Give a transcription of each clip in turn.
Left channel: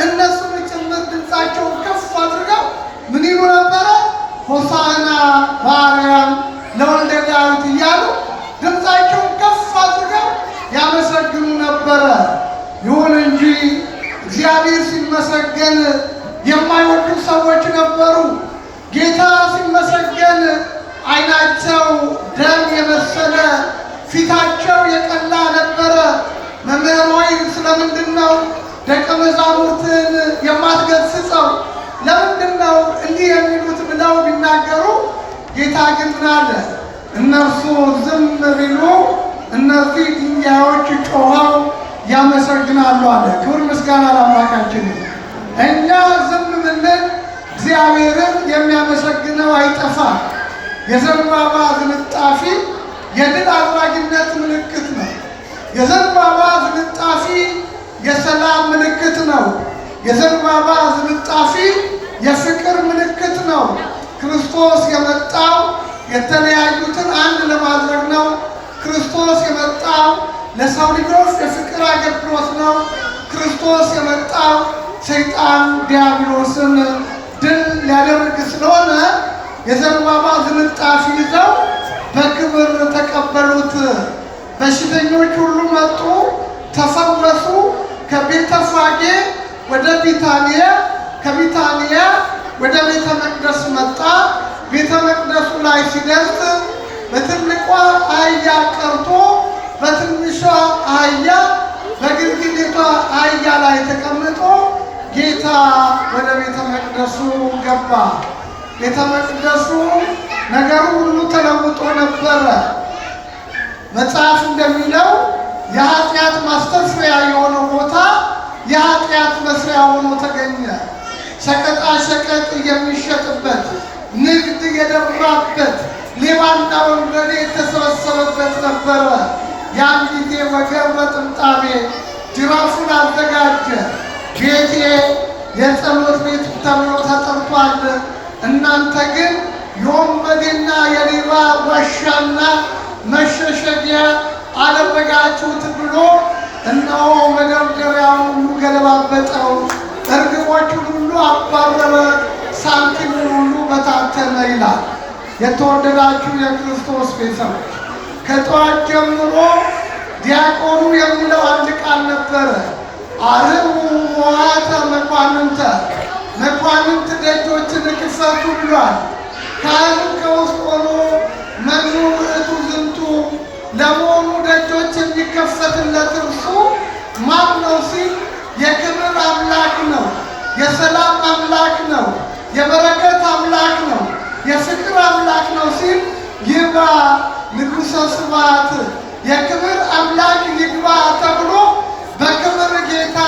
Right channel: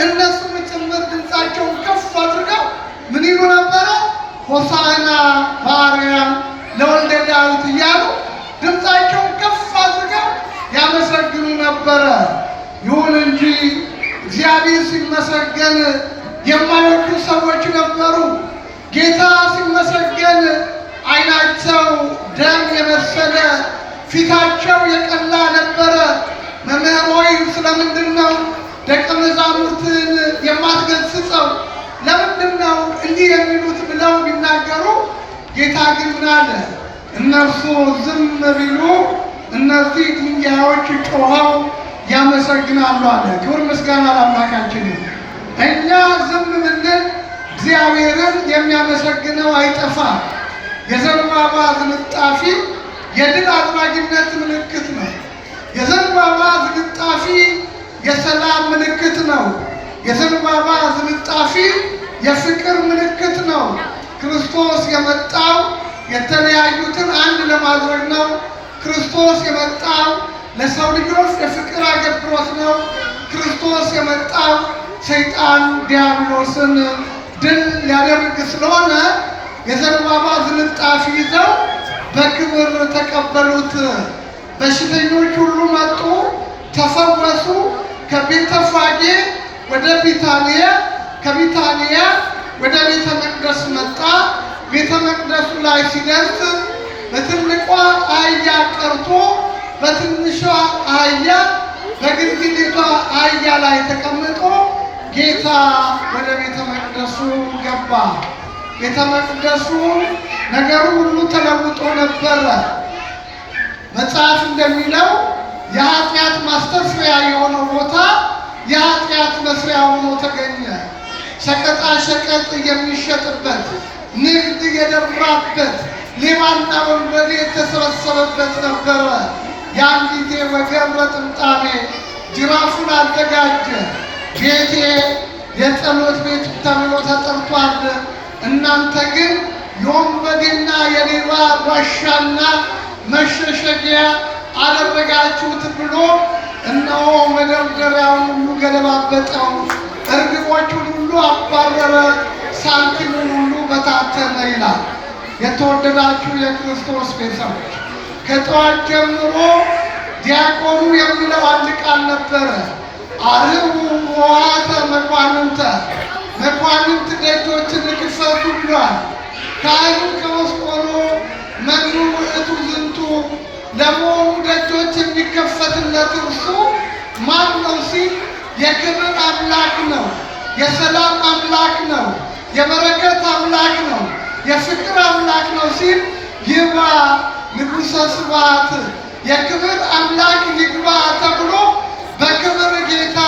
እነሱም ጭምር ድምፃቸውን ከፍ አድርገው ምን ይሉ ነበረ? ሆሳዕና በአርያም ለወልደ ዳዊት እያሉ ድምፃቸውን ከፍ አድርገው ያመሰግኑ ነበረ። ይሁን እንጂ እግዚአብሔር ሲመሰገን የማይወዱ ሰዎች ነበሩ። ጌታ ሲመሰገን ዓይናቸው ደም የመሰለ ፊታቸው የቀላ ነበረ። መምህር ሆይ ስለምንድን ነው ደቀ መዛሙርትን የማትገሥጸው? ለምንድን ነው እንዲህ የሚሉት ብለው ቢናገሩ፣ ጌታ ግን ምን አለ? እነርሱ ዝም ቢሉ እነዚህ ድንጋዮች ጮኸው ያመሰግናሉ አለ። ክብር ምስጋና ለአምላካችን። እኛ ዝም ብንል እግዚአብሔርን የሚያመሰግነው አይጠፋም። የዘንባባ ዝንጣፊ የድል አድራጊነት ምልክት ነው። የዘንባባ ዝንጣፊ የሰላም ምልክት ነው። የዘንባባ ዝንጣፊ የፍቅር ምልክት ነው። ክርስቶስ የመጣው የተለያዩትን አንድ ለማድረግ ነው። ክርስቶስ የመጣው ለሰው ልጆች የፍቅር አገልግሎት ነው። ክርስቶስ የመጣው ሰይጣን ዲያብሎስን ድል ሊያደርግ ስለሆነ የዘንባባ ዝንጣፊ ይዘው በክብር ተቀበሉት። በሽተኞች ሁሉ መጡ፣ ተፈወሱ። ከቤተፋጌ ወደ ቢታንያ፣ ከቢታንያ ወደ ቤተ መቅደስ መጣ። ቤተ መቅደሱ ላይ ሲደርስ በትልቋ አህያ ቀርቶ በትንሿ አህያ በግርግዲቷ አህያ ላይ ተቀምጦ ጌታ ወደ ቤተ መቅደሱ ገባ። ቤተ መቅደሱ ነገሩ ሁሉ ተለውጦ ነበረ። መጽሐፍ እንደሚለው የኃጢአት ማስተስሪያ የሆነው ቦታ የኃጢአት መስሪያ ሆኖ ተገኘ። ሸቀጣ ሸቀጥ የሚሸጥበት፣ ንግድ የደራበት፣ ሌባና ወንበዴ የተሰበሰበበት ነበረ። ያን ጊዜ ወገን በጥምጣሜ ጅራፉን አዘጋጀ። ቤቴ የጸሎት ቤት ተብሎ ተጠርቷል፣ እናንተ ግን የወንበዴና የሌባ ዋሻና መሸሸጊያ አደረጋችሁት ብሎ እነሆ መደርደሪያውን ሁሉ ገለባበጠው፣ እርግቦቹን ሁሉ አባረረ፣ ሳንቲሙን ሁሉ በታተነ ይላል። የተወደዳችሁ የክርስቶስ ቤተሰቦች ከጠዋት ጀምሮ ዲያቆኑ የሚለው አንድ ቃል ነበረ። አርኅዉ ኆኃተ መኳንንተ፣ መኳንንት ደጆችን ክፈቱ ብሏል። ካህኑ ከውስጥ ሆኖ መኑ ውእቱ ዝንቱ፣ ለመሆኑ ደጆች የሚከፈትለት እርሱ ማን ነው ሲል የክብር አምላክ ነው፣ የሰላም አምላክ ነው፣ የበረከት አምላክ ነው፣ የፍቅር አምላክ ነው ሲል ይግባ ንጉሠ ስብሐት፣ የክብር አምላክ ይግባ ተብሎ በክብር ጌታ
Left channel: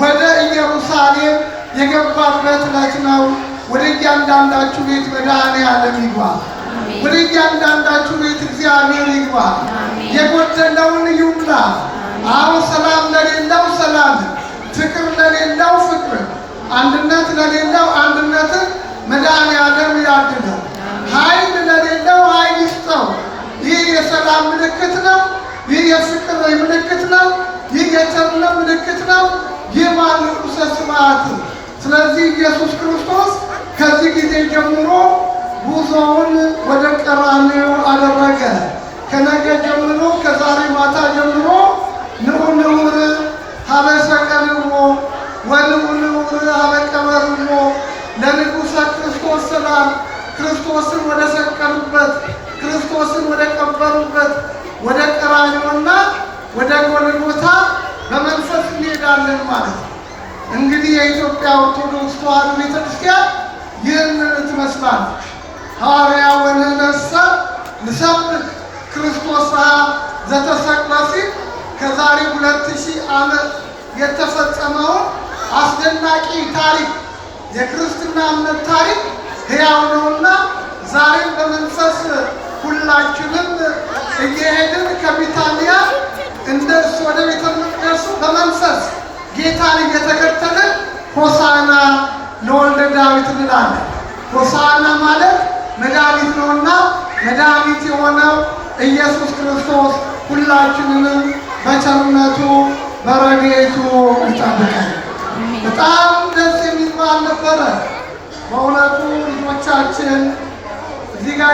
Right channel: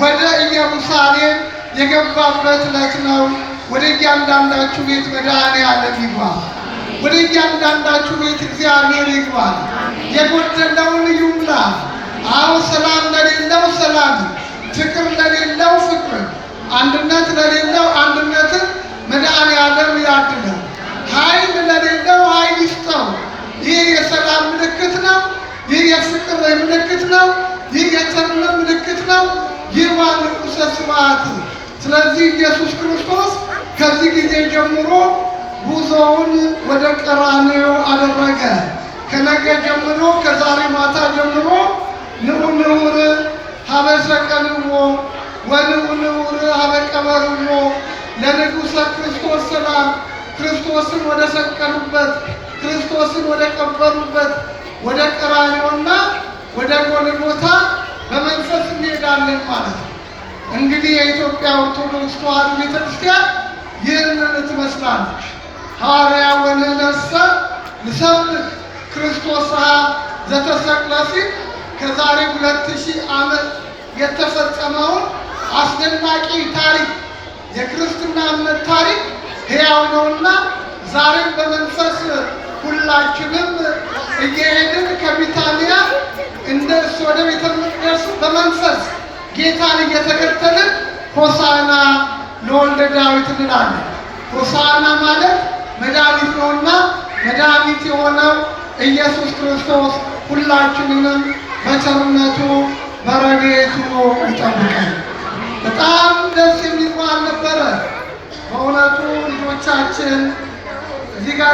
ወደ ኢየሩሳሌም የገባበት ዕለት ነው። ወደ እያንዳንዳችሁ ቤት መድኃኔዓለም ይግባ። ወደ እያንዳንዳችሁ ቤት እግዚአብሔር ይግባ። የጎደለውን ይሙላ። አሁን ሰላም ለሌለው ሰላም፣ ፍቅር ለሌለው ፍቅር፣ አንድነት ለሌለው አንድነትን መድኃኔዓለም ያድለው። ኃይል ለሌለው ኃይል ይስጠው። ይህ የሰላም ምልክት ነው። ይህ የፍቅር ምልክት ነው። ይህ የቸርነት ምልክት ነው። ይህ ማን ንጉሠ ስብሐት። ስለዚህ ኢየሱስ ክርስቶስ ከዚህ ጊዜ ጀምሮ ጉዞውን ወደ ቀራንዮ አደረገ። ከነገ ጀምሮ ከዛሬ ማታ ጀምሮ ንዑ ንዑር ሀበ ሰቀልዎ ወንዑ ንዑር ሀበ ቀበርዎ ለንጉሠ ክርስቶስ ሰላም። ክርስቶስን ወደ ሰቀሉበት፣ ክርስቶስን ወደ ቀበሩበት ወደ ቀራንዮና ወደ ጎልጎታ በመንፈስ እንሄዳለን ማለት ነው። እንግዲህ የኢትዮጵያ ኦርቶዶክስ ተዋሕዶ ቤተክርስቲያን ይህንን ትመስላለች። ሐዋርያው ወንሕነሰ ንሰብክ ክርስቶስ ዘተሰቅለ ሲል ከዛሬ 2000 ዓመት የተፈጸመውን አስደናቂ ታሪክ የክርስትና እምነት ታሪክ ሕያው ነውና ዛሬም በመንፈስ ሁላችንም እየሄድን ከቢታንያ እንደርስ ወደ ቤተ መቅደሱ በመንፈስ ጌታን እየተከተልን ሆሳዕና ለወልደ ዳዊት እንላለን። ሆሳዕና ማለት መድኃኒት ነውና መድኃኒት የሆነው ኢየሱስ ክርስቶስ ሁላችንንም በቸርነቱ በረድኤቱ ይጠብቀን። በጣም ደስ የሚል በዓል ነበረ። በእውነቱ ልጆቻችን እዚህ ጋር